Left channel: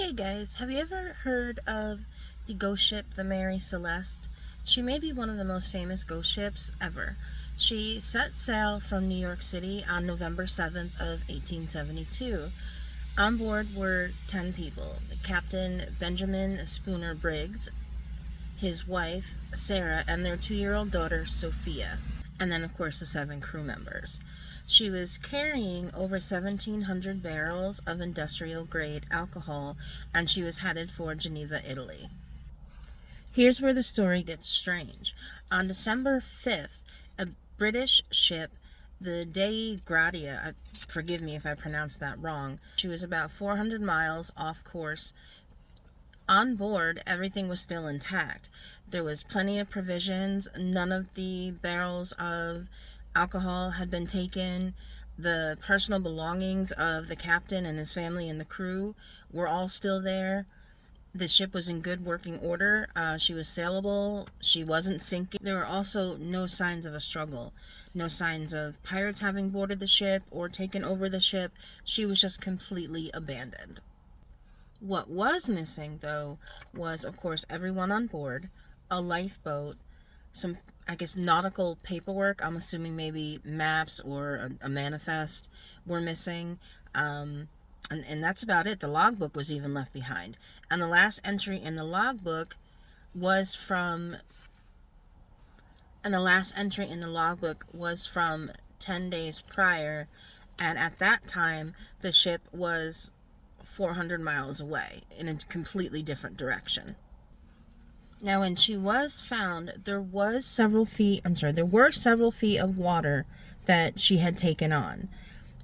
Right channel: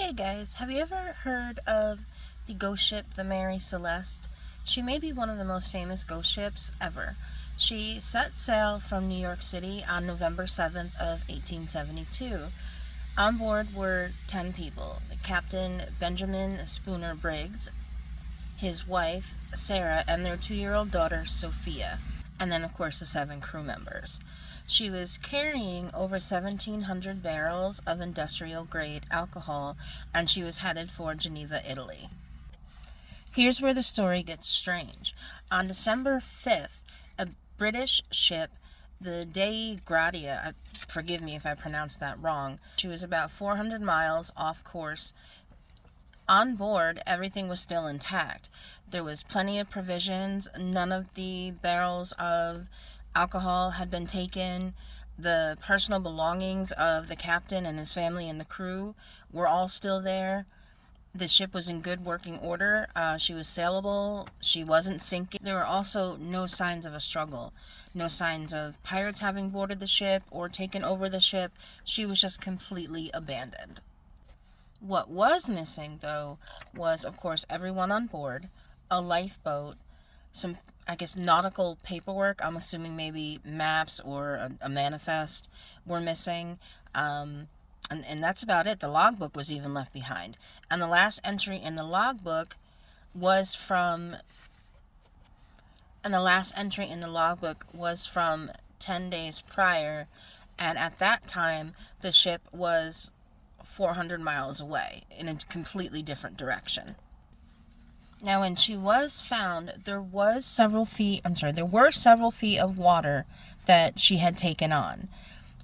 Hey guys, have you ever heard of the ghost ship, the Mary Celeste? She may be one of the most famous ghost ships ever. She set sail from New York City on November 7th of 1872. On board were 10 people. Captain Benjamin Spooner Briggs, his wife, Sarah, and their 2-year-old daughter, Sophia. And then, of course, the 7 crew members. She was carrying over 1,700 barrels of industrial-grade alcohol, and she was headed for Geneva, Italy. Here's where the story gets strange. On December 5th, a British ship, the Dei Gratia, forgive me if I pronounced that wrong, she was about 400 miles off course. On board, everything was still intact. There was plenty of provisions. None of the barrels of alcohol had been taken. The personal belongings of the captain and his family and the crew were all still there. The ship was in good working order. She was sailable. She wasn't sinking. There were also no signs of a struggle. No signs of pirates having boarded the ship or taken over the ship. She was just completely abandoned. What was missing, though, was, of course, everyone on board, a lifeboat, some, nautical paperwork. I'm assuming maybe maps or a manifest were missing. And that's about it. The logbook was even left behind. And the last entry in the logbook was from 10 days prior. And at that time, the ship was 400 miles away in a completely different direction. Now, when she was found, there were several feet of water that she had taken on.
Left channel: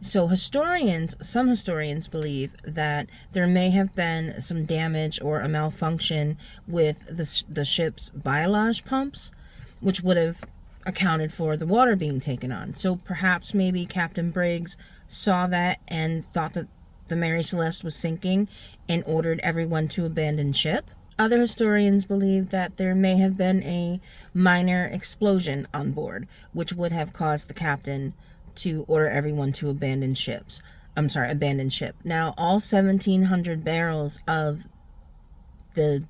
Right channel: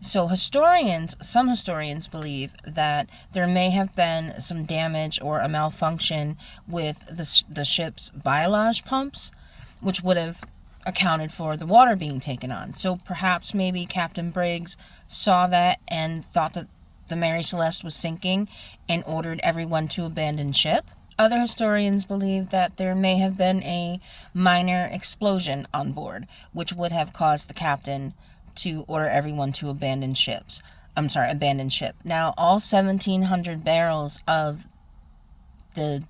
So some historians believe that there may have been some damage or a malfunction with the ship's bilage pumps, which would have accounted for the water being taken on. So perhaps maybe Captain Briggs saw that and thought that the Mary Celeste was sinking and ordered everyone to abandon ship. Other historians believe that there may have been a minor explosion on board, which would have caused the captain to order everyone to abandon ship. Now, all 1,700 barrels of the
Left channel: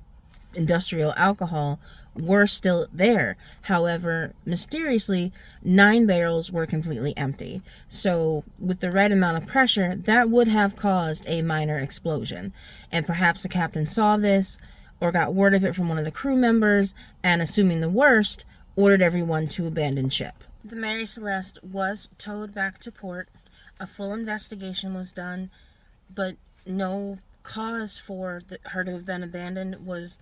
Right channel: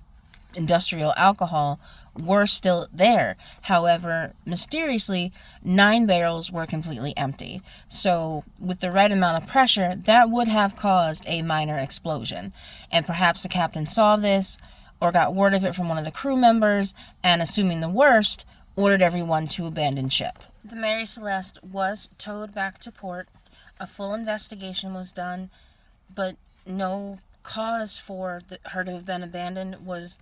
industrial alcohol were still there. However, mysteriously, 9 barrels were completely empty. So, with the right amount of pressure, that would have caused a minor explosion. And perhaps the captain saw this or got word of it from one of the crew members and, assuming the worst, ordered everyone to abandon ship. The Mary Celeste was towed back to port. A full investigation was done, but no cause for her to have been abandoned was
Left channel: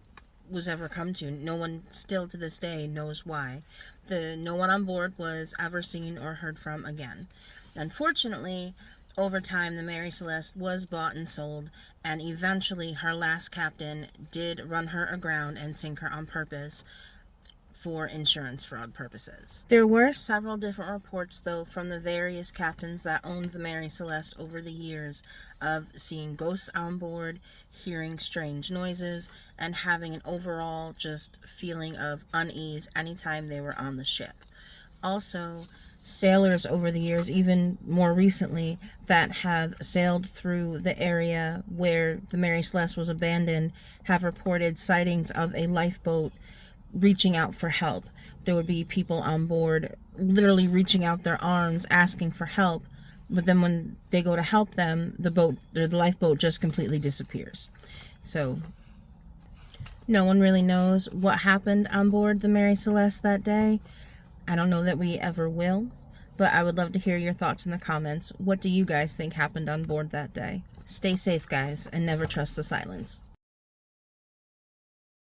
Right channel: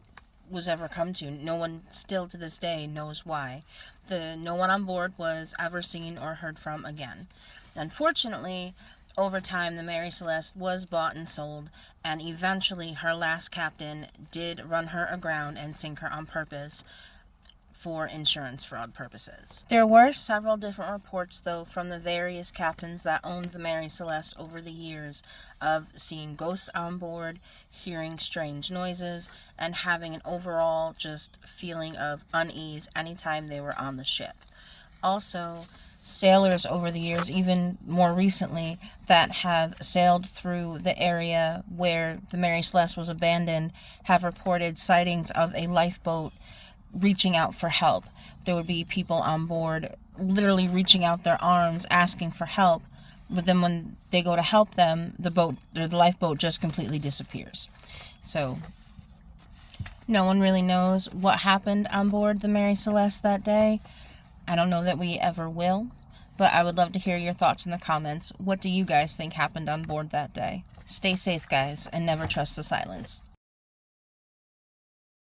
ever come to. No one still to this day knows why. No one on board was ever seen or heard from again. Unfortunately, over time, the Mary Celeste was bought and sold, and eventually her last captain did run her aground and sink her on purpose for insurance fraud purposes. There were several different reports, though, from the various captains that owned the Mary Celeste over the years of seeing ghosts on board, hearing strange noises, and having an overall just feeling of unease anytime they were on the ship. Also, sailors over the years, even more recently, that have sailed through the area where the Mary Celeste was abandoned have reported sightings of a lifeboat reaching out for help. There would be people on board literally reaching out their arms asking for help, but then when they go to help them, the lifeboat just completely disappears. So no one really knows what happened on board the Mary Celeste that day. I don't know that we ever will, but I would love to hear your thoughts in the comments. What do you guys think happened on board that day? Stay safe, guys, and never trust the silence.